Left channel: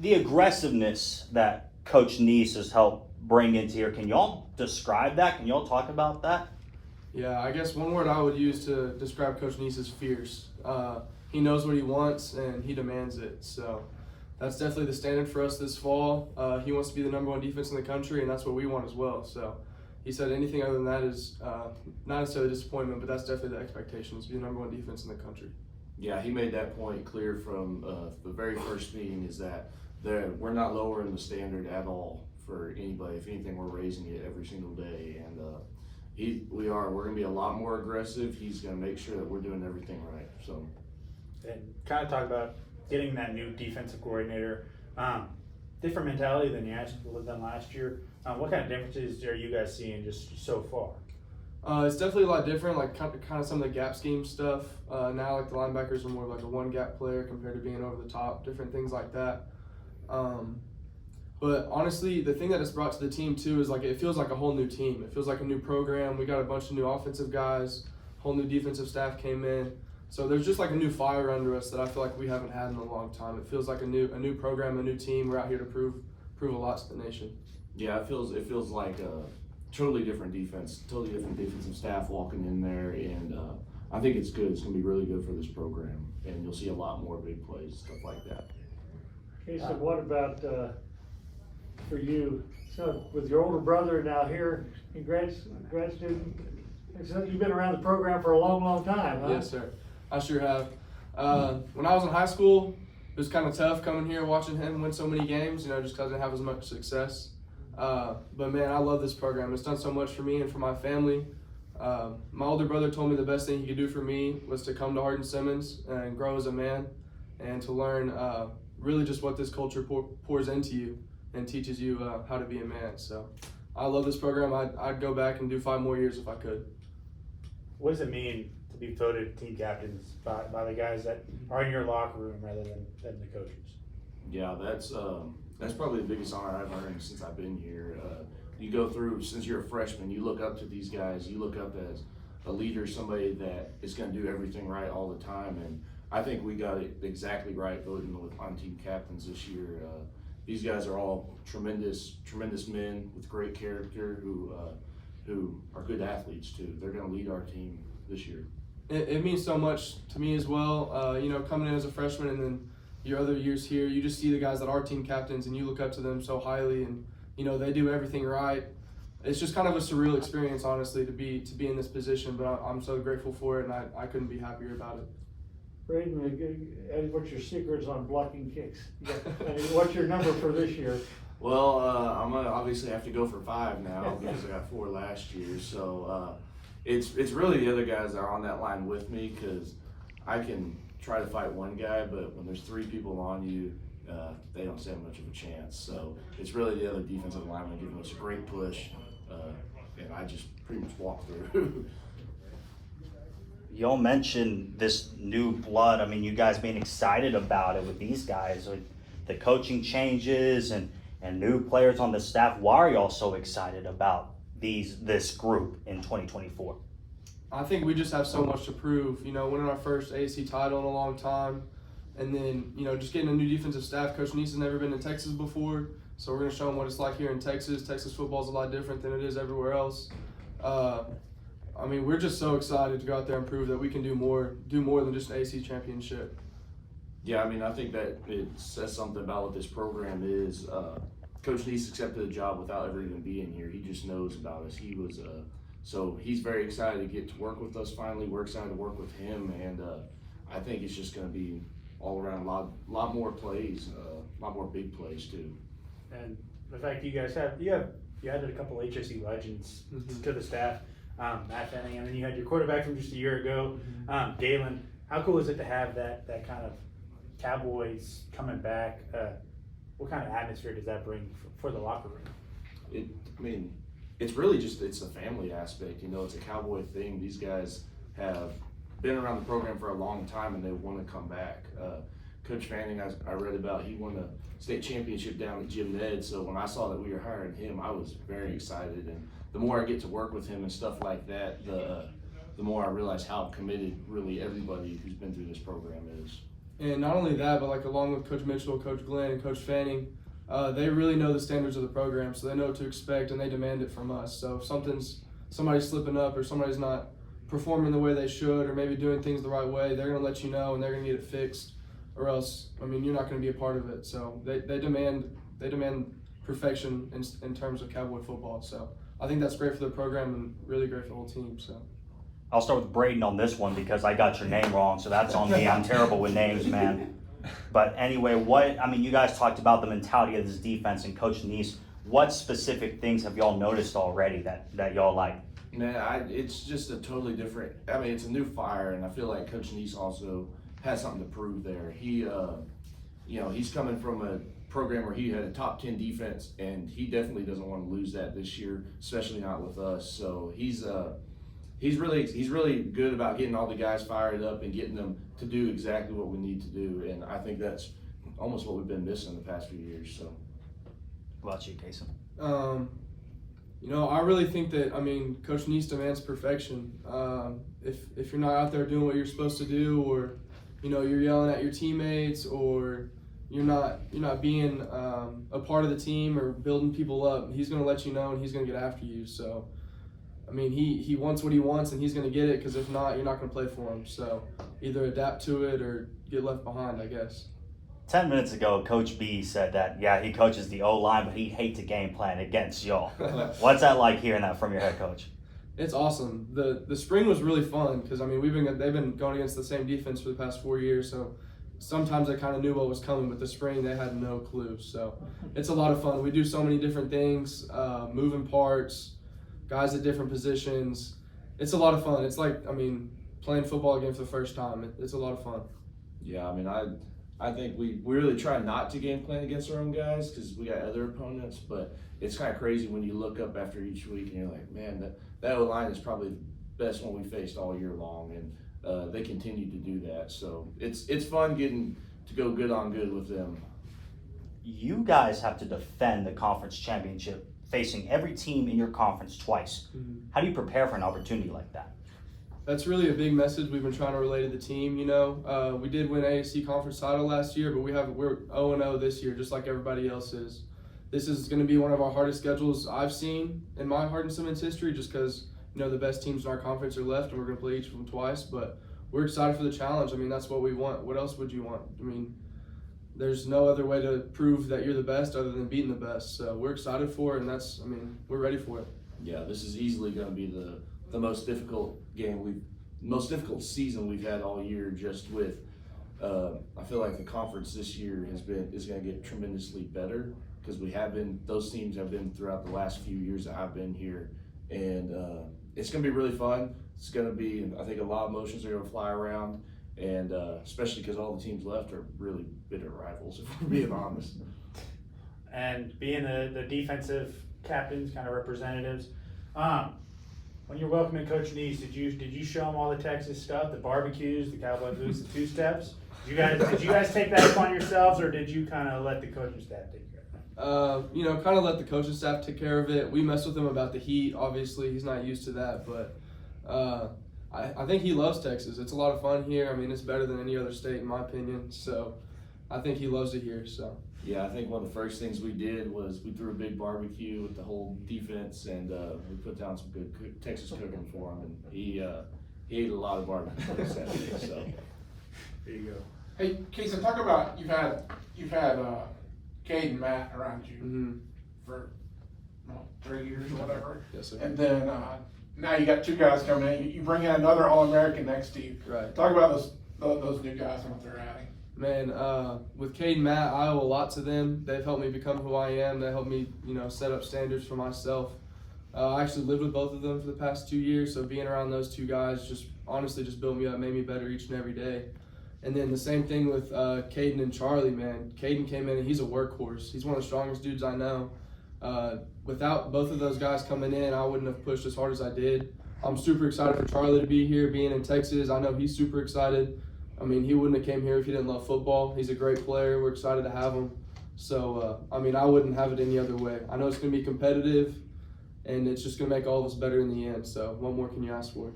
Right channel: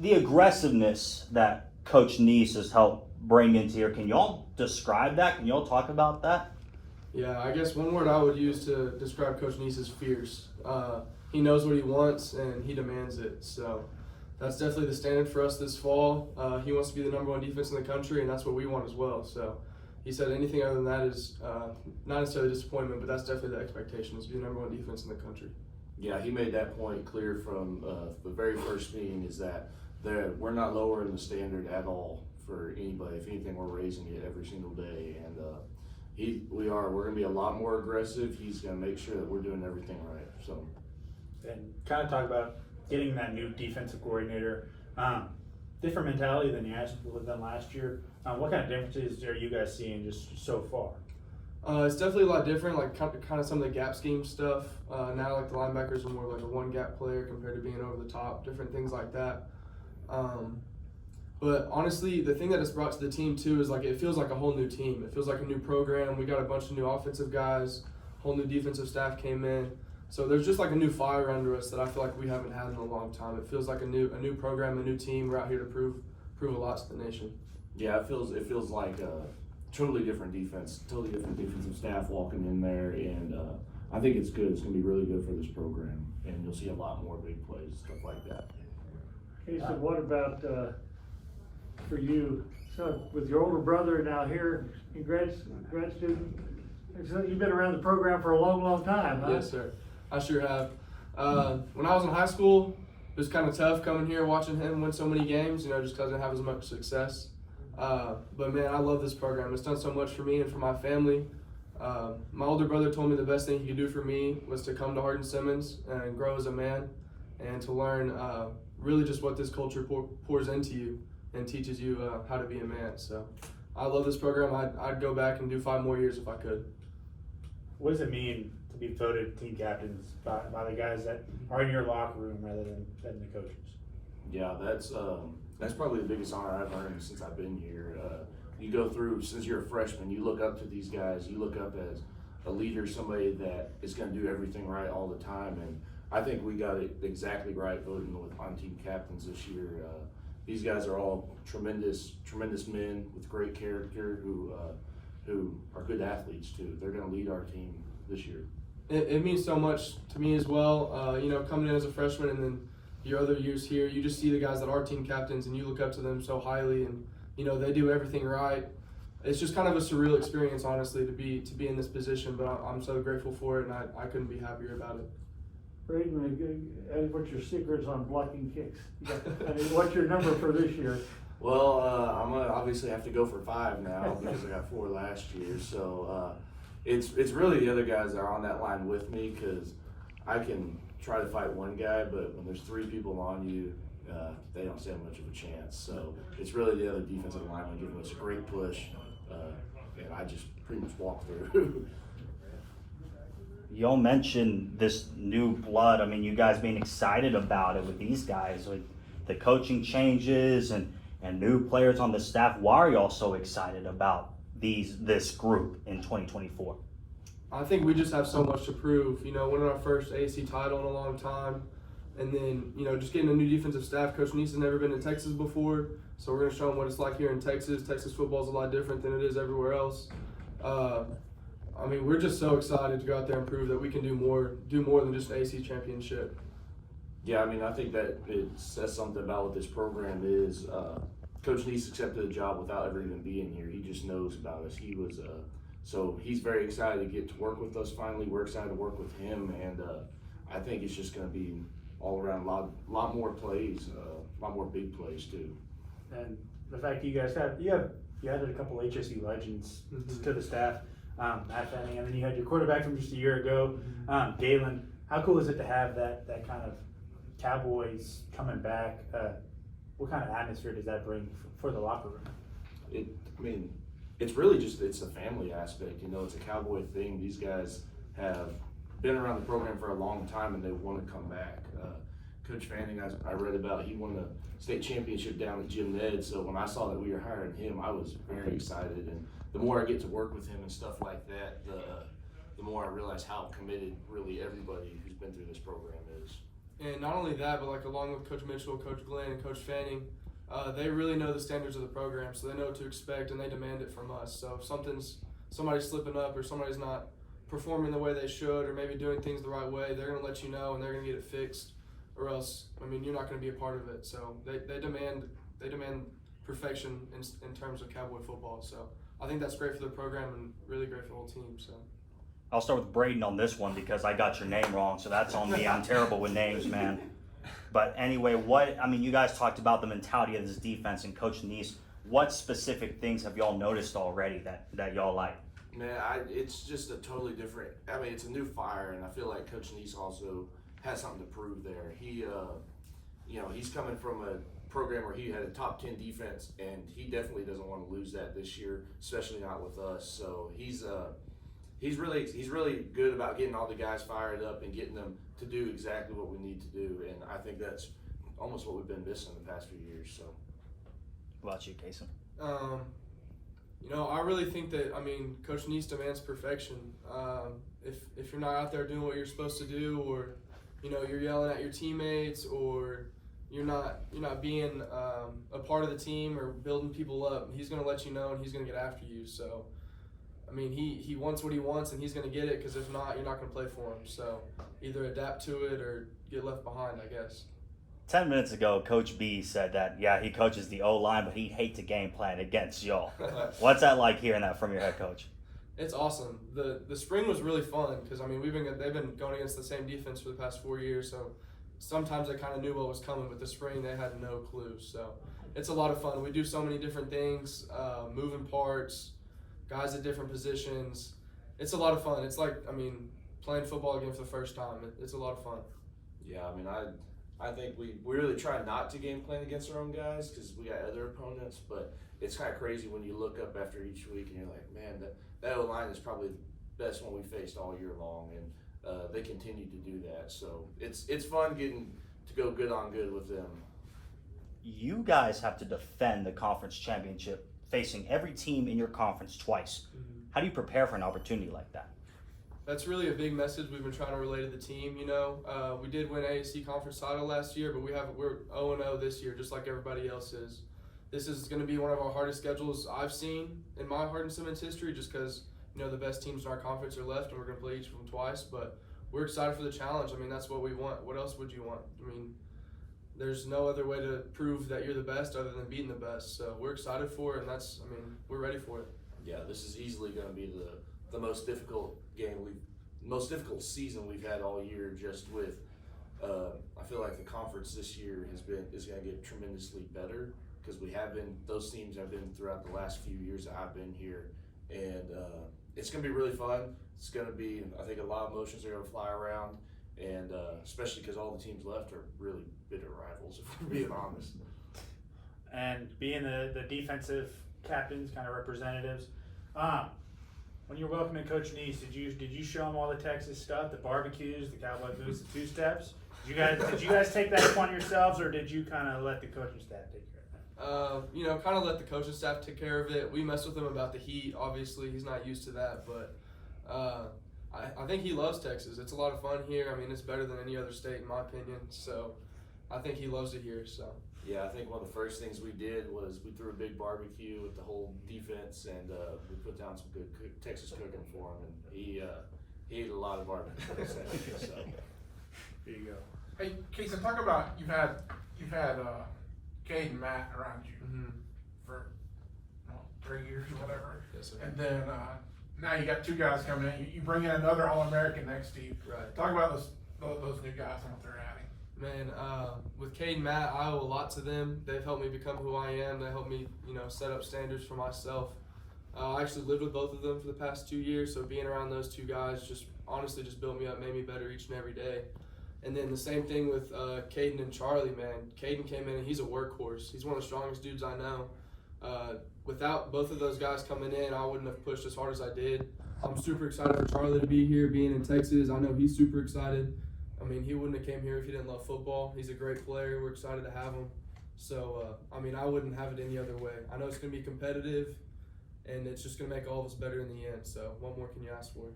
the aggressiveness that Coach Neese has helped bring into here, can y'all describe that? Can y'all talk about that? Yeah, I guess one word I would use to describe Coach Neese is fierce. He knows what he wants and he demands it. So that's definitely the standard for us this fall. He wants to be the #1 defense in the country, and that's what we want as well. So he said anything other than that is not necessarily disappointment, but that's definitely the expectation, is to be the #1 defense in the country. Yeah, he made that point clear from the very first meeting, is that we're not lowering the standard at all for anybody. If anything, we're raising it every single day, and we're going to be a lot more aggressive. He's going to make sure that we're doing everything right. So, and kind of talk about getting that new defensive coordinator, different mentality than you actually done last year. What kind of differences are you guys seeing just so far? It's definitely a lot different, like kind of some of the gap scheme stuff. Now, like the linebackers are more like a one gap player compared to being over the top, different things like that. But honestly, the thing that it's brought to the team too is like it feels like a whole new team. It feels like a new program. We got a bunch of new offensive guys, whole new defensive staff came in. So there's just like a new fire under us that I feel like we haven't had in a long time. It feels like a new program, a new team. We're out here to prove a lot to the nation. yeah, it feels like a totally different defense, totally different defensive staff walking in there, and I think it's good. It's going to be really good for this program, and you'll see a lot more big plays, stuff like that. Cason, what about for you? So with your older brother now here, grad student, so you've been around the program for a long, long time, huh? Yes, sir. I sure have. When I was in high school, it was kind of tough coming here watching him win so many games, just because I didn't have as much success. But man, I love this program. It's done so much for me and for my family. My older brother told me the best thing he could do for me was to come to Hardin-Simmons and grow as a man, and to learn really just what this culture pours into you and teaches you how to be a man. So I love this program. I'd go back and do 5 more years if I could. What does it mean to be voted team captains by the guys that are in your locker room rather than the coaches? Yeah, that's probably the biggest honor I've earned since I've been here. You go through, since you're a freshman, you look up to these guys. You look up as a leader, somebody that is going to do everything right all the time. And I think we got it exactly right voting on team captains this year. These guys are all tremendous men with great character who are good athletes too. They're going to lead our team this year. It means so much to me as well. Coming in as a freshman and then your other years here, you just see the guys that are team captains and you look up to them so highly, and they do everything right. It's just kind of a surreal experience, honestly, to be in this position. But I'm so grateful for it, and I couldn't be happier about it. Braden, what's your secrets on blocking kicks? What's your number for this year? Well, I'm gonna obviously have to go for 5 now because I got 4 last year. So it's really the other guys that are on that line with me, because I can try to fight one guy, but when there's 3 people on you, they don't stand much of a chance. So it's really the other defensive lineman giving us a great push, and I just pretty much walk through. Y'all mentioned this new blood. I mean, you guys being excited about it with these guys, with the coaching changes and new players on the staff. Why are y'all so excited about this group in 2024? I think we just have so much to prove. Winning our first AAC title in a long time, and then just getting a new defensive staff. Coach Neese has never been to Texas before, so we're going to show him what it's like here in Texas. Texas football is a lot different than it is everywhere else. We're just so excited to go out there and prove that we can do more than just an AAC championship. Yeah, I think that it says something about what this program is. Coach Neese accepted the job without ever even being here. He just knows about us. So he's very excited to get to work with us finally. We're excited to work with him, and I think it's just going to be all around a lot more plays, a lot more big plays too. And the fact you guys you added a couple HSE legends to the staff, Matt Fenning, and then you had your quarterback from just a year ago, Galen. How cool is it to have that kind of Cowboys coming back? What kind of atmosphere does that bring for the locker room? It's really it's a family aspect. It's a Cowboy thing. These guys have been around the program for a long time, and they want to come back. Coach Fanning, I read about, he won a state championship down at Jim Ned, so when I saw that we were hiring him, I was very excited. And the more I get to work with him and stuff like that, the more I realize how committed really everybody who's been through this program is. And not only that, but like along with Coach Mitchell, Coach Glenn, and Coach Fanning, they really know the standards of the program, so they know what to expect and they demand it from us. So if somebody's slipping up or somebody's not performing the way they should or maybe doing things the right way, they're going to let you know and they're going to get it fixed, or else, I mean, you're not going to be a part of it. So they demand perfection in terms of Cowboy football. So I think that's great for the program and really great for the whole team. So I'll start with Braden on this one because I got your name wrong, so that's on me. I'm terrible with names, man. But anyway, you guys talked about the mentality of this defense and Coach Neese. What specific things have y'all noticed already that y'all like? Man, it's just a totally different. I mean, it's a new fire, and I feel like Coach Neese also has something to prove there. He, he's coming from a program where he had a top 10 defense, and he definitely doesn't want to lose that this year, especially not with us. So he's really good about getting all the guys fired up and getting them to do exactly what we need to do, and I think that's almost what we've been missing the past few years. So, What about you, Cason? I really think that, Coach Neese demands perfection. If you're not out there doing what you're supposed to do, or, you're yelling at your teammates, or you're not being a part of the team or building people up, he's going to let you know and he's going to get after you. So, he wants what he wants and he's going to get it, because if not, you're not going to play for him. So either adapt to it or get left behind, I guess. 10 minutes ago, Coach B said that, yeah, he coaches the O-line, but he hates the game plan against y'all. What's that like hearing that from your head coach? It's awesome. The spring was really fun because, they've been going against the same defense for the past 4 years, so sometimes they kind of knew what was coming, but the spring they had no clue. So it's a lot of fun. We do so many different things, moving parts, guys at different positions. It's a lot of fun. It's like, playing football again for the first time. It's a lot of fun. Yeah, I think we really try not to game plan against our own guys because we got other opponents, but it's kind of crazy when you look up after each week and you're like, man, that O-line is probably the best one we faced all year long, and they continue to do that. So it's fun getting to go good on good with them. You guys have to defend the conference championship, facing every team in your conference twice. Mm-hmm. How do you prepare for an opportunity like that? That's really a big message we've been trying to relay to the team. We did win AAC conference title last year, but we're 0-0 this year, just like everybody else is. This is going to be one of our hardest schedules I've seen in my Hardin Simmons history, just because the best teams in our conference are left, and we're going to play each of them twice. But we're excited for the challenge. That's what we want. What else would you want? There's no other way to prove that you're the best other than beating the best. So we're excited for it, and we're ready for it. Yeah, this is easily going to be the most difficult most difficult season we've had all year. Just with, I feel like the conference this year is going to get tremendously better because those teams have been throughout the last few years that I've been here, and it's going to be really fun. It's going to be, I think, a lot of emotions are going to fly around, and especially because all the teams left are really bitter rivals, if we're being honest. And being the defensive captains, kind of representatives, when you're welcoming Coach Neese, did you show him all the Texas stuff, the barbecues, the cowboy boots, the two-steps? Did you guys take that upon yourselves, or did you kind of let the coaching staff take care of it? Kind of let the coaching staff take care of it. We mess with him about the heat. Obviously, he's not used to that, but I think he loves Texas. It's a lot of fun here. It's better than any other state in my opinion. So I think he loves it here. So. Yeah, I think one of the first things we did was we threw a big barbecue with the whole defense, and we put down some good Texas cooking for him, and he ate a lot of barbecue on Saturday. So There you go. Hey, Cason, talk about you've had Cade and Matt around you for 3 years or whatever. Yes, sir. And then now you got two guys coming in. You bring in another All-American next to you. Right. Talk about those new guys and what they're adding. Man, with Cade and Matt, I owe a lot to them. They've helped me become who I am. They helped me, set up standards for myself. I actually lived with both of them for the past 2 years, so being around those two guys just built me up, made me better each and every day. And then the same thing with Caden and Charlie, man. Caden came in and he's a workhorse. He's one of the strongest dudes I know. Without both of those guys coming in, I wouldn't have pushed as hard as I did. I'm super excited for Charlie to be here, being in Texas. I know he's super excited. He wouldn't have came here if he didn't love football. He's a great player. We're excited to have him. So, I wouldn't have it any other way. I know it's going to be competitive, and it's just going to make all of us better in the end. So, what more can you ask for?